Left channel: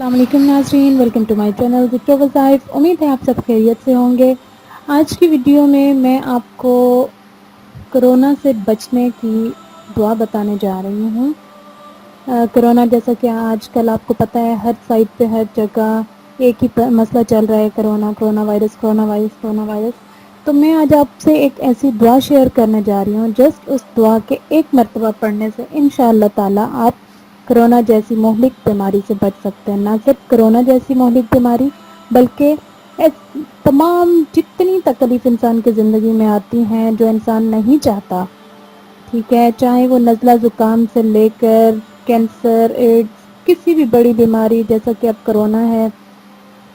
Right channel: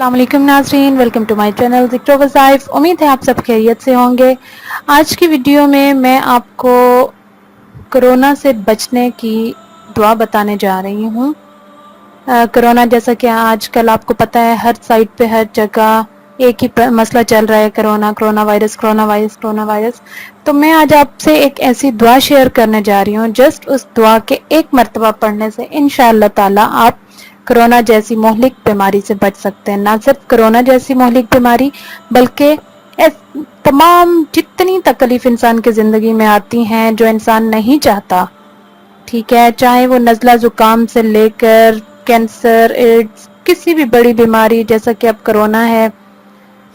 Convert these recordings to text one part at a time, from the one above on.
अस्सलाम वालेकुम नाज़रीन, वेलकम टू माय चैनल ज़िक्र वज़ाइफ। उम्मीद है आप सब खैरियत से होंगे। आज की वीडियो में मैं आपको कोरोना से बचने की दुआ बताने जा रही हूँ। कोरोना जैसा कि आजकल आपको पता है हर साइड पे हर जगह एक ही मसला चल रहा है, कोरोना वायरस। तो मैं आज आपसे एक ऐसी दुआ शेयर करने जा रही हूँ, जस्ट उस दुआ के एक मर्तबा पढ़ने से इंशाअल्लाह ताला आप कोरोना जैसी मोहलिक बीमारी से बच सकते हैं। ना सिर्फ कोरोना जैसी मोहलिक बीमारी बल्कि तमाम जितनी तकलीफ इंसान की ज़िंदगी में आती हैं जो इंसान नहीं चाहता, ठीक है, चाहे वो नज़ला ज़ुकाम से लेकर कैंसर, एड्स, किसी भी बड़ी बीमारी जैसा कि अब कोरोना है,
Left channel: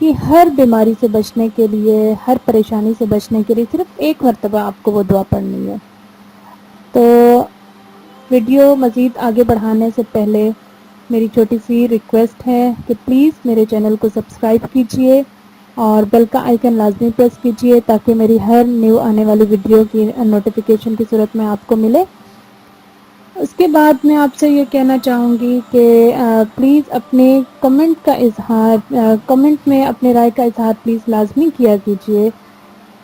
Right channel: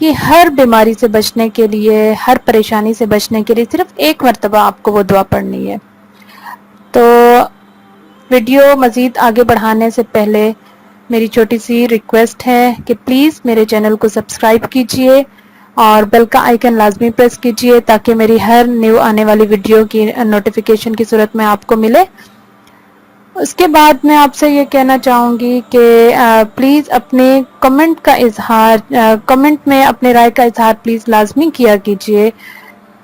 ये हर बीमारी से बचने के लिए, हर परेशानी से बचने के लिए सिर्फ एक मर्तबा आपको वो दुआ पढ़नी है। तो वीडियो मज़ीद आगे बढ़ाने से पहले मेरी छोटी सी रिक्वेस्ट है कि प्लीज़ मेरे चैनल को सब्सक्राइब कीजिए और बेल का आइकन लाजमी प्रेस कीजिए ताकि मेरी हर न्यू आने वाली वीडियो की नोटिफिकेशन की सूरत में आपको मिले। उसके बाद मैं आपसे ये कहना चाहूँगी कि प्लीज़ अपने कमेंट में अपने राय का इजहार प्लीज़ लाजमी किया कीजिए।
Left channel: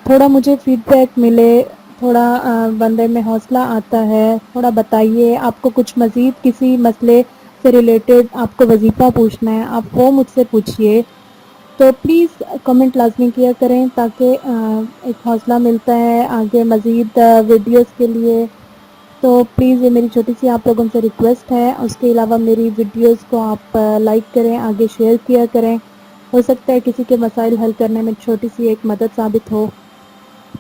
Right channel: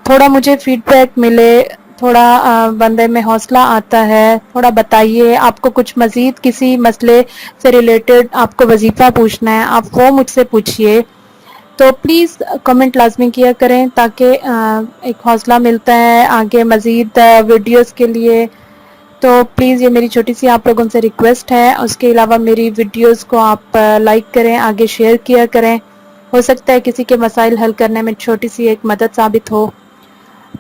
थोड़ा मुझे फीडबैक मिले, थोड़ा बंदे में हौसला आता है। थोड़ा बताइए, आपको कुछ मज़ीद किसी मसले से रिलेटेड आपको वजीफ़ा पूछना है, आप वो मुझसे पूछिए। तो प्लीज़ कमेंट लाजमी किया करें ताकि एक हौसला मिलता है आगे मज़ीद वीडियोस के लिए। तो प्लीज़ ये मेरी छोटी सी आप लोगों से रिक्वेस्ट है। उसके अलावा मेरी वीडियोस को आप लाइक करें, आगे शेयर किया करें। हो सकता है किसी के मसाइल हल करने में छोटी सी एक मदद साबित हो।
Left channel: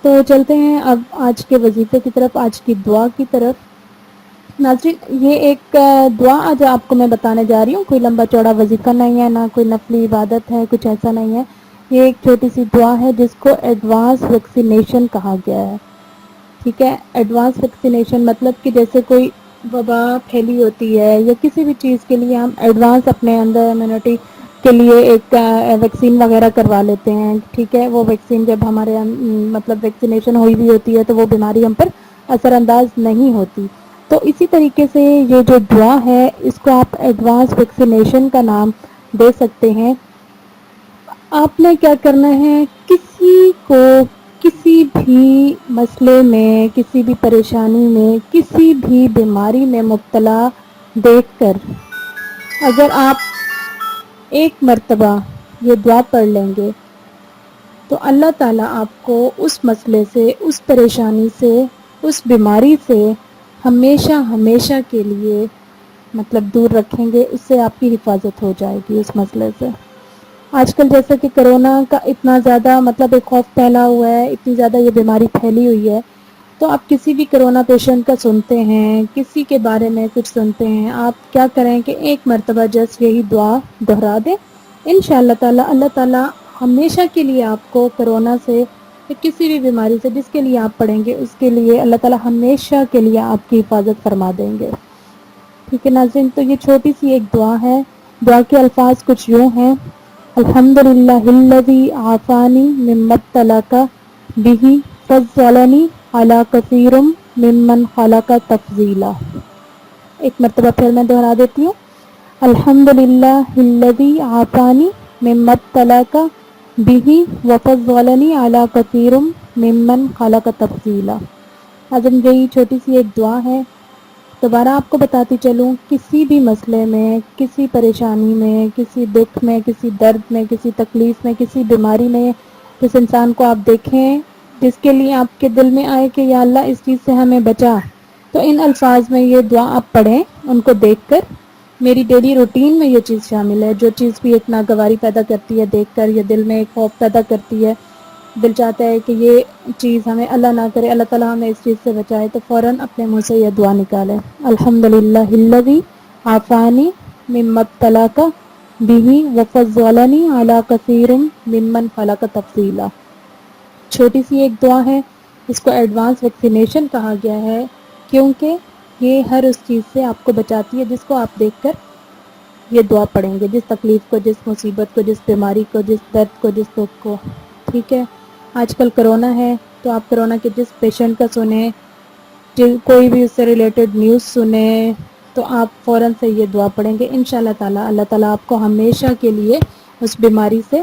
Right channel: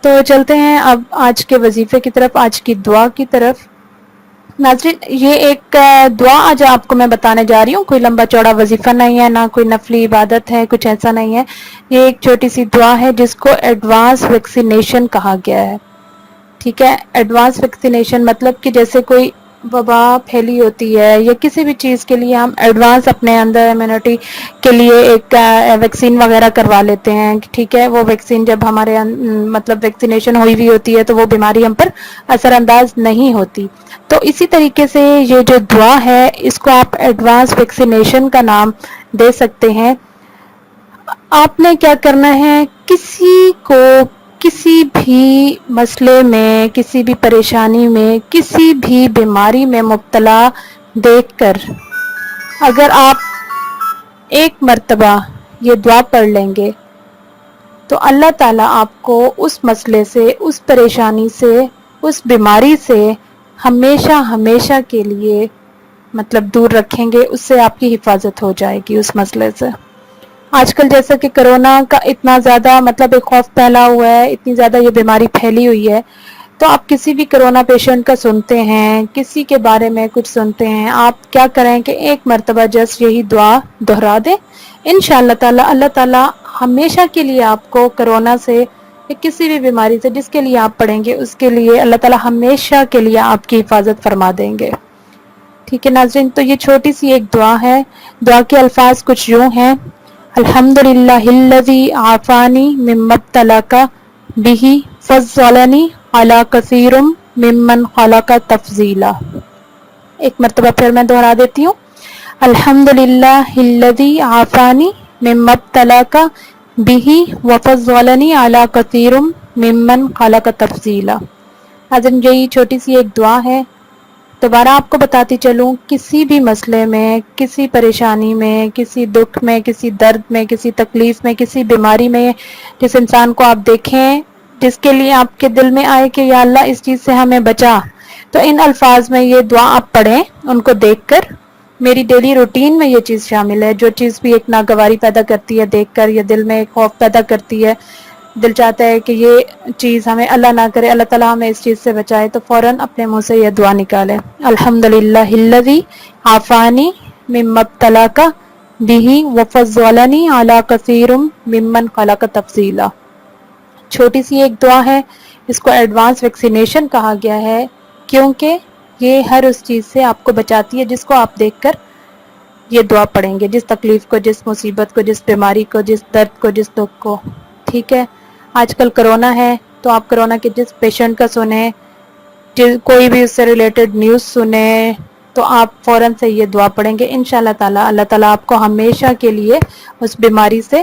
तो चलते हैं अब आज के वजीफ़े की तरफ, आज की दुआ की तरफ। नाज़रीन, ये एक दुआ आज आपको मैं बताने जा रही हूँ। कोई लंबा चौड़ा वजीफ़ा नहीं है, ना कोई नफली इबादत है, कुछ ऐसा नहीं है। ये एक छोटी सी दुआ है जिसको एडवांस वैक्सीनेशन कहा गया है, ठीक है। एडवांस वैक्सीनेशन मतलब कि जैसे कोई वबा फैली होती है या किसी भी चीज़ के लिए हम एडवांस अपने अंदर इम्यूनिटी के लिए एक वैक्सीन वगैरह करवा लेते हैं, ठीक है। वो वैक्सीन जब हमारे मतलब वैक्सीनेशन हुई हुई होती है तो वो बीमारी हम पर असरअंदाज नहीं होती। तो इसी तरीके से ये जो दुआ है इसको आप एडवांस वैक्सीनेशन का नाम दे सकते हैं। आपने क्या करना है, किसी को किसी भी मसले में, किसी भी परेशानी में, किसी भी बीमारी में मुब्तला देखकर अगर आप एक मर्तबा ये दुआ पढ़ लेंगे तो अल्लाह ताला आपको उस मसले से, उस परेशानी से, उस बीमारी से हमेशा हमेशा के लिए मतलब दूर रखेंगे। उससे आपकी हिफाजत हो जाएगी उस मसले से। आजकल जैसा कि कोरोना का इतना ज़्यादा मतलब एक खौफ फैला हुआ है, इतनी ज़्यादा ये बीमारी फैली हुई है, तो आप किसी भी कोरोना पेशेंट का सुनते हैं, किसी के बारे में कुछ सुनते हैं, आप क्या करें कि एक मर्तबा जस्ट यही दुआ दोहरा दें। इंशाअल्लाह ताला अल्लाह ताला हमेशा के लिए आपको कोरोना से या किसी भी बीमारी से जिसके लिए आप पढ़ेंगे उसके लिए अल्लाह ताला हमेशा के लिए आपकी हिफाजत फरमा देंगे, ठीक है नाज़रीन। तो ये छोटी सी एक दुआ है। दुआ के अल्फाज कुछ यूँ हैं, अल्हम्दुलिल्लाहिल्लज़ी आफ़ानी मिम्मब्तलाका बिही फ़ज़्ज़लनी अला कसीरुम मिम्मन ख़लक़ा तफ़ज़ीला। एक मर्तबा फिर मैं दोहरा देती हूँ, अल्हम्दुलिल्लाहिल्लज़ी आफ़ानी मिम्मब्तलाका बिही वफ़ज़्ज़लनी अला कसीरुम मिम्मन ख़लक़ा तफ़ज़ीला। आज यही छोटी सी एक दुआ है। दोबारा आपको बताती चलूँ, किसी भी मसले में, किसी परेशानी में, किसी दुख में, किसी दर्द में, किसी तकलीफ़ में, किसी बीमारी में, जिस इंसान को आप देखें जिसके लिए आपके दिल में आए कि या अल्लाह इस चीज़ से हमें बचा, तो इन अल्फाज में ये दुआ आप पढ़ें उनको देखकर। मेरी डेली रूटीन में ये चीज़ शामिल है। जो चीज़ भी एक नागवारी पैदा करती है देखकर या दिल में एक खौफ पैदा करती है, दिल चाहता है कि ये चीज़ हमें अल्लाह ना करे, अल्लाह ताला हमें इस चीज़ से बचाए, तो फ़ौरन अपने मुंह से ये दुआ निकालें, अल्हम्दुलिल्लाहिल्लज़ी आफ़ानी मिम्मब्तलाका बिही वफ़ज़्ज़लनी अला कसीरुम मिम्मन ख़लक़ा तफ़ज़ीला। छोटी सी एक दुआ है, इसको एडवांस वैक्सीनेशन कहा गया है क्योंकि ये हर उस चीज़ से आपको बचाती है जिसको आप देखकर ये दुआ पढ़ेंगे, जिस तकलीफ़ को, जिस मुसीबत को, जिस बीमारी को, जिस दर्द को, जिस दुख को, ठीक है। आजकल कोरोना है तो आप कोरोना के जिस पेशेंट का सुने, कोई भी उससे रिलेटेड न्यूज़ सुने, تو آپ فوراً سے یہ دعا پڑھیں گے انشاءاللہ تعالیٰ اللہ تعالیٰ آپ کو ہمیشہ کے لیے اس بیماری سے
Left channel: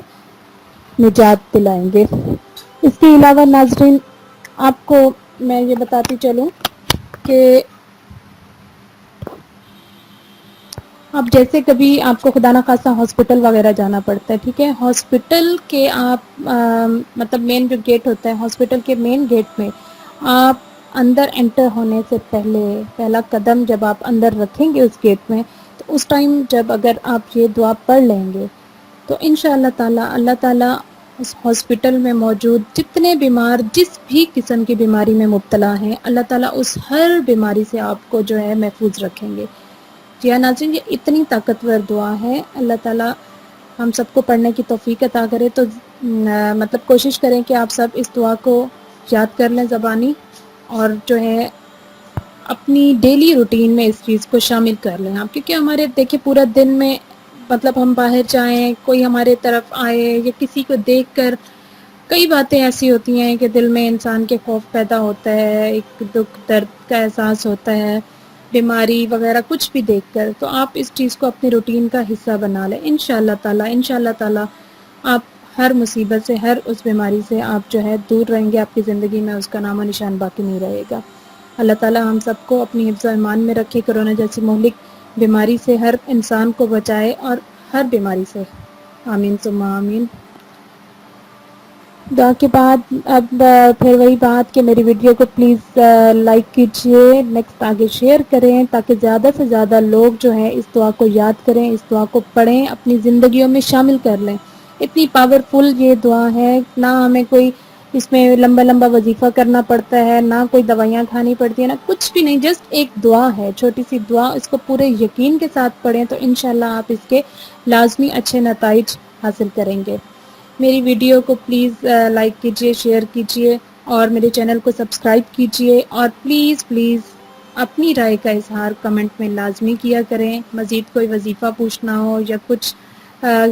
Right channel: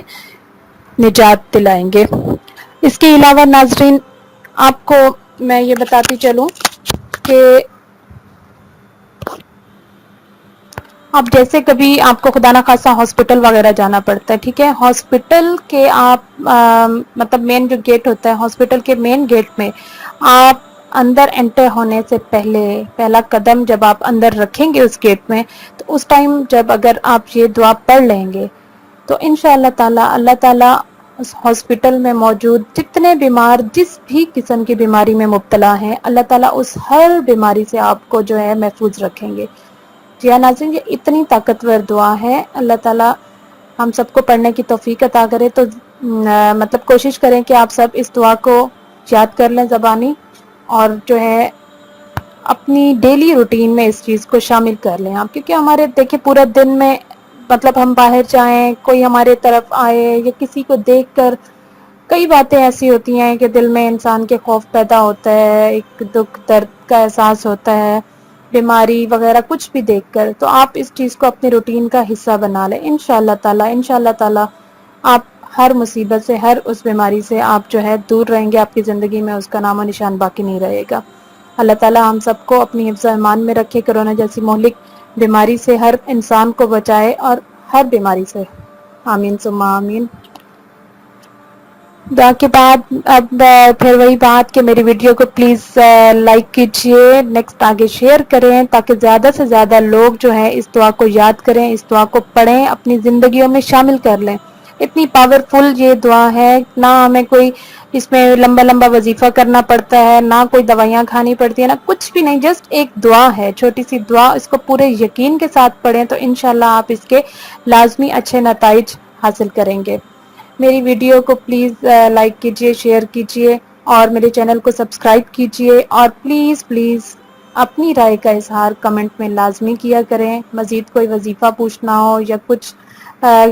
نجات دلائیں گے۔ اس کے علاوہ ناظرین آپ کو میں یہ بتاتی چلوں کہ اب جیسے کبھی آپ کو خدا نخواستہ ہاسپٹل وغیرہ جانا پڑتا ہے، ٹھیک ہے، ہاسپٹل کے آپ مطلب مین جو گیٹ ہوتا ہے ہاسپٹل کے مین گیٹ میں آپ اندر انٹر ہونے سے پہلا قدم جب آپ اندر رکھیں گے اس گیٹ میں، تو اس ٹائم جب اگر آپ یہ دعا پڑھ لیں گے تو انشاءاللہ تعالی اللہ تعالیٰ اس ہاسپٹل میں موجود جتنے بیمار جس بھی قسم کی بیماری میں مبتلا ہیں اللہ تعالیٰ اس ہر بیماری سے آپ کو جو ہے محفوظ رکھیں گے۔ جی ہاں ناظرین، یہ اتنی طاقتور دعا ہے، اللہ تعالیٰ ہم سب کو پڑھنے کی توفیق عطا کرے، تو مطلب کوشش کریں کہ آپ سب اس دعا کو یاد کر لیں زبانی، اور جو ہے اپنی ڈیلی روٹین میں اس چیز کو شامل کر لیں آپ، کیونکہ ہمارے دیکھیں پورا دن میں مطلب ہم باہر جائیں، کوئی ہمارے طرف آئے یا کسی کو دیکھ کر کئی باتیں ایسی ہوتی ہیں کہ دل میں انسان کے خوف پیدا ہوتا ہے، ایک دکھ درد کا احساس ہوتا ہے، بیماری وغیرہ کچھ بھی دیکھ کر، تو آپ اس چیز کو اپنی روٹین کا حصہ بنا لیں انشاءاللہ تعالی آپ ہر مصیبت سے، ہر اس بیماری سے آپ جو ہے دور رہیں گے، آپ کی زندگی میں اس کا نام و نشان باقی نہیں رہے گا۔ اللہ تعالی ہم سب کو اپنی حفظ و ایمان میں رکھے، کرونا جیسی مہلک بیماری سے ہر انسان کو بچائے اور ہر بیماری سے، آمین ثم آمین۔ دعا کے بعد اب پھر وہی بات کہ میری ویڈیو کو پلیز لائک کیجئے، نیکسٹ آگے شیئر کریں تاکہ زیادہ سے زیادہ لوگ جو ہیں اس دعا کو یاد کریں، اس دعا کو پڑھیں، اپنی زندگیوں میں شامل کر لیں۔ اتنی پاورفل یہ دعا ہے، نہ ہمیں کوئی اس میں لمبا وظیفہ کرنا پڑتا ہے، نہ کوئی دوائیاں کھانی پڑتی ہیں، نہ کچھ بھی نہیں، جسٹ ایک دعا ہے، چھوٹی سی دعا، اس کو پورے یقین کے ساتھ پڑھیں تو انشاءاللہ آپ اس کے لازمی اچھے نتائج حاصل کریں گے۔ میری ویڈیو کو پلیز لائک کیجئے، شیئر کیجئے اور میرے چینل کو سبسکرائب کیجئے، اور پلیز اپنی رائے کا اظہار کمنٹ میں لازمی کیا کریں۔ مزید کوئی وظیفہ پوچھنا ہو یا کچھ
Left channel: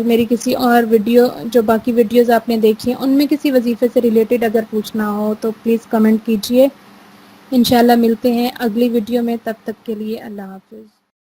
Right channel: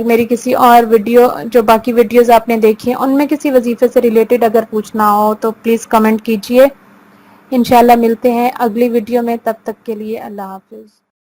میری کسی اور ویڈیو جو باقی ویڈیوز آپ نے دیکھی ہیں ان میں کسی وظیفے سے ریلیٹڈ اگر پوچھنا ہو تو پلیز کمنٹ کیجئے۔ انشاءاللہ ملتے ہیں اگلی ویڈیو میں، تب تک کے لیے اللہ حافظ۔